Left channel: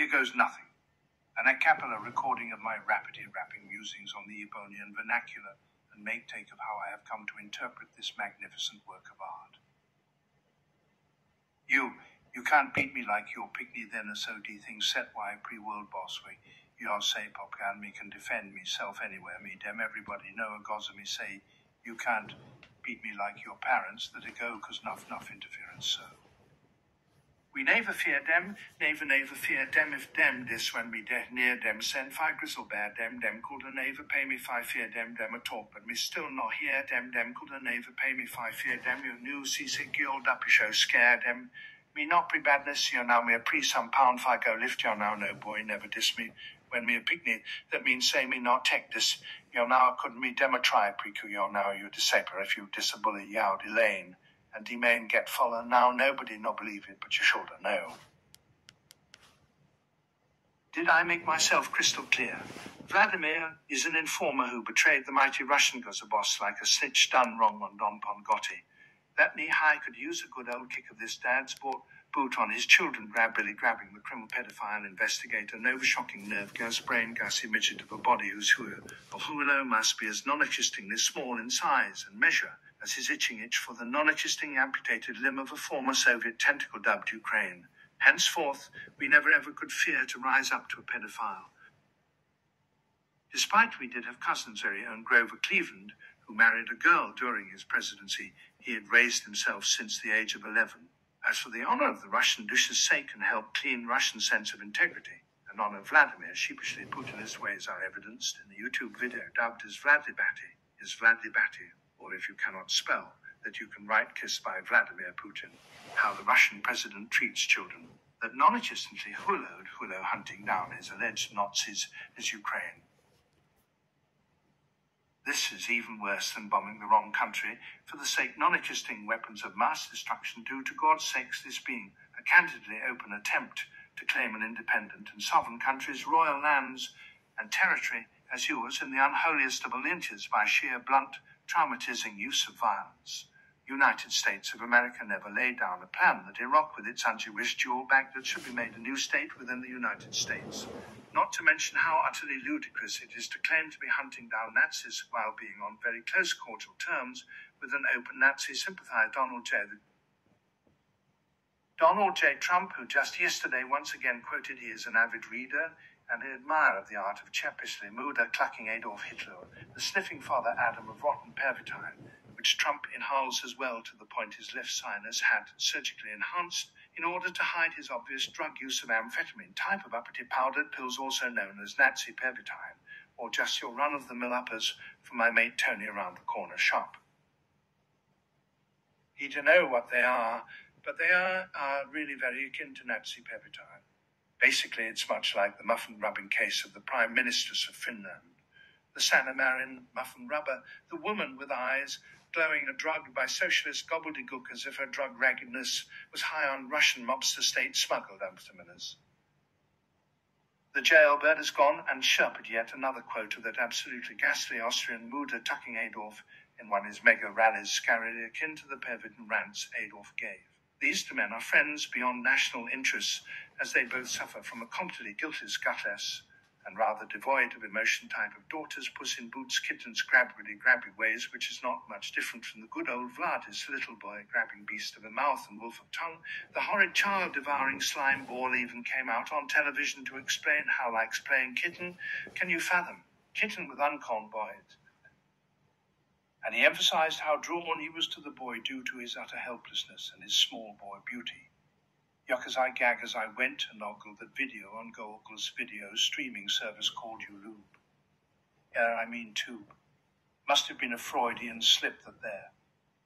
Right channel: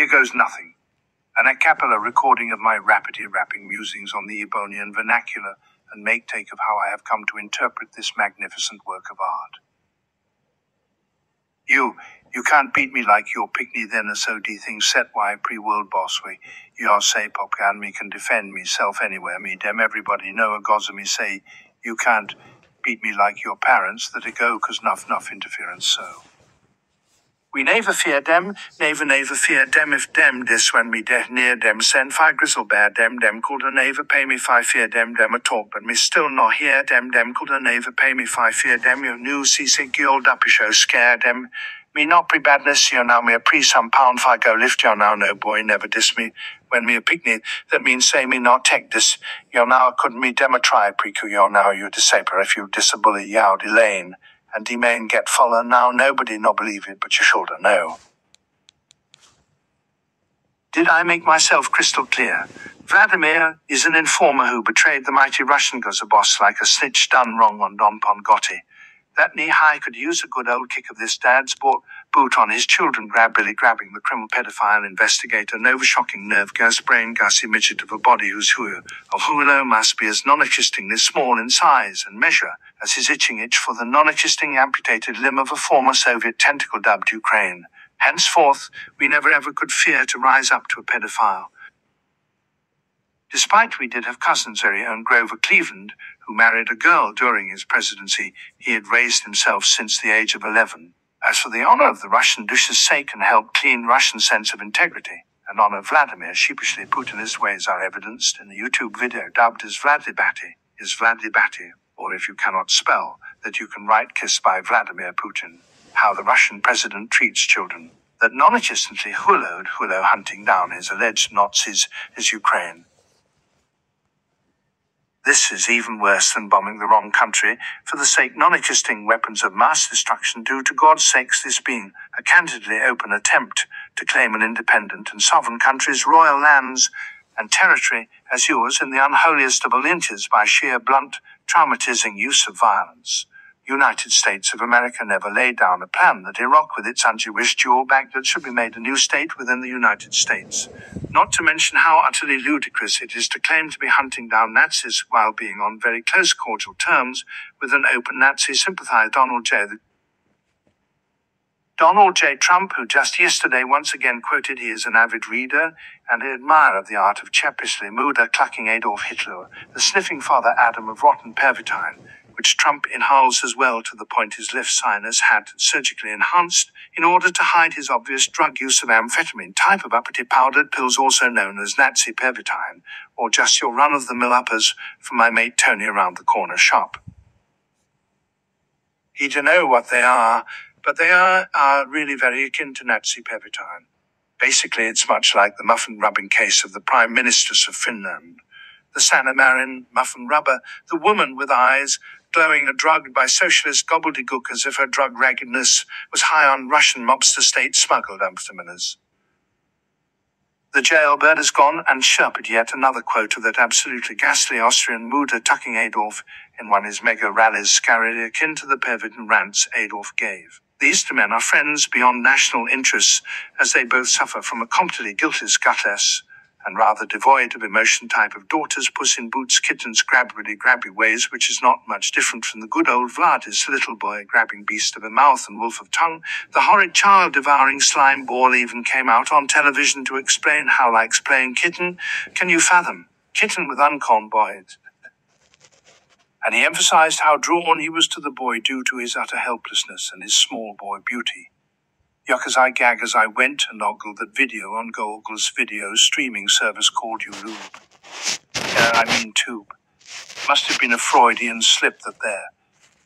Here goes nothing. An accapella recording of my rapidly rapping musings on the Ebonian vernacular and make-take of how I have come to interpret this magnificent work of art. You can't beat me like your pickney then a so de thing set why pre-world boss we your say pop and me can defend myself anywhere me dem everybody know a gods me say you can't beat me like your parents that a go cause nuff interference so. We never fear dem, never fear dem if dem dis when me de near dem send fi grizzle bear dem called a never pay me fi fear dem a talk but me still not hear dem called a never pay me fi fear dem you new seasick old uppy show scare dem. Me not pre badness, you now me a pre some pound fi go lift you now no boy never diss me. When me a picnic, that means say me not take this. You now couldn't me dem a try precu you now you disaper if you disabully yow delane. And de main get follow now nobody not believe it but you shoulda know. Did I make myself crystal clear? Vladimir is an informer who betrayed the mighty Russian boss like a snitch done wrong on Don Pongotti. That knee-high could use a good old kick of this dad's boot on his children grabbing the criminal pedophile investigator shocking nerve gas brain gassy midget of a body whose hulo must be as non-existingly small in size and measure as his itching itch for the non-existing amputated limb of a former Soviet tentacle dubbed Ukraine. Henceforth, we never ever could fear to rise up to a pedophile. Despite we did have cousins very own Grover Cleveland, who married a girl during his presidency, he had raised himself since the age of 11. As for the honor of the Russian dush's sake and help clean Russian sense of integrity, and honor Vladimir sheepishly Putinist ways are evidenced in the YouTube video dubbed as Vladibati, or if you cannot spell, that you can write kiss by Vladimir Putin, how the Russian president treats children, that non-existently hulo hunting down his alleged Nazis is Ukraine. This is even worse than bombing the wrong country for the sake non-existing weapons of mass destruction due to God's sakes this being a candidly open attempt to claim an independent and sovereign country's royal lands and territory as yours in the unholiest of allegiances by sheer blunt, traumatizing use of violence. United States of America never laid down a plan that Iraq with its un-Jewish dual Baghdad should be made a new state within the United States. Not to mention how utterly ludicrous it is to claim to be hunting down Nazis while being on very close cordial terms with an open Nazi sympathizer Donald J. Trump, who just yesterday once again quoted he is an avid reader and an admirer of the art of Chepishly Muda clucking Adolf Hitler, the sniffing father Adam of rotten pervitine, which Trump inhales as well to the point his left sinus had surgically enhanced in order to hide his obvious drug use of amphetamine type of uppity powdered pills also known as Nazi pervitine, or just your run-of-the-mill uppers from my mate Tony around the corner shop. He don't know what they are, but they are really very akin to Nazi pervitine. Basically, it's much like the muffin rubbing case of the Prime Ministers of Finland. The Sanna Marin muffin rubber, the woman with eyes, glowing and drugged by socialist gobbledygook as if her drug raggedness was high on Russian mobster state-smuggled amphetamines. The jailbird has gone and chirped yet another quote of that absolutely ghastly Austrian Muda tucking Adolf in one of his mega rallies scarily akin to the pervitin rants Adolf gave. These two men are friends beyond national interests, as they both suffer from a completely guiltless, gutless, and rather devoid of emotion type of daughters, puss in boots, kittens, grabby ways, which is not much different from the good old Vladis, little boy grabbing beast of a mouth and wolf of tongue. The horrid child devouring slime ball even came out on television to explain how likes playing kitten. Can you fathom? Kitten with uncorn boys. And he emphasized how drawn he was to the boy due to his utter helplessness and his small boy beauty. Yuck as I gag as I went and ogled that video on Google's video streaming service called Tube. Must have been a Freudian slip that there.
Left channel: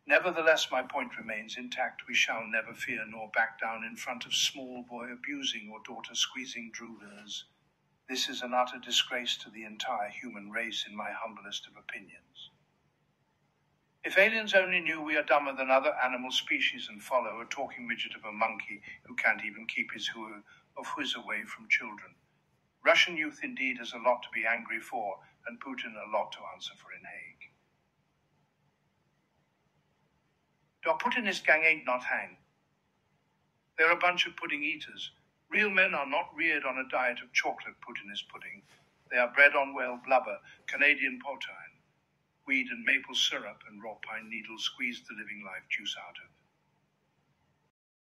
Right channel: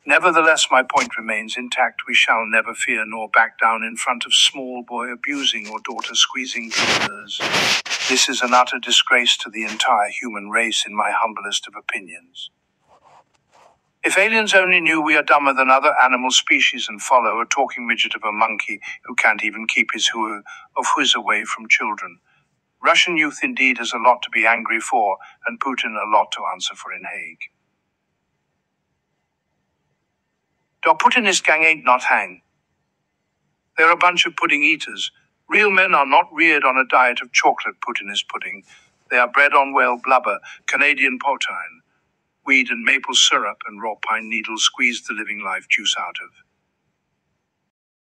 Nevertheless, my point remains intact. We shall never fear nor back down in front of small boy abusing or daughter squeezing dreamers. This is an utter disgrace to the entire human race in my humblest of opinions. If aliens only knew we are dumber than other animal species and follow a talking midget of a monkey who can't even keep his whiz away from children. Russian youth indeed has a lot to be angry for, and Putin a lot to answer for in Hague. Der Putinist gang ain't nothang. They're a bunch of pudding eaters, Real men are not reared on a diet of chocolate Putinist pudding. They are bred on whale blubber, Canadian poutine, weed and maple syrup and raw pine needles squeezed the living life juice out of.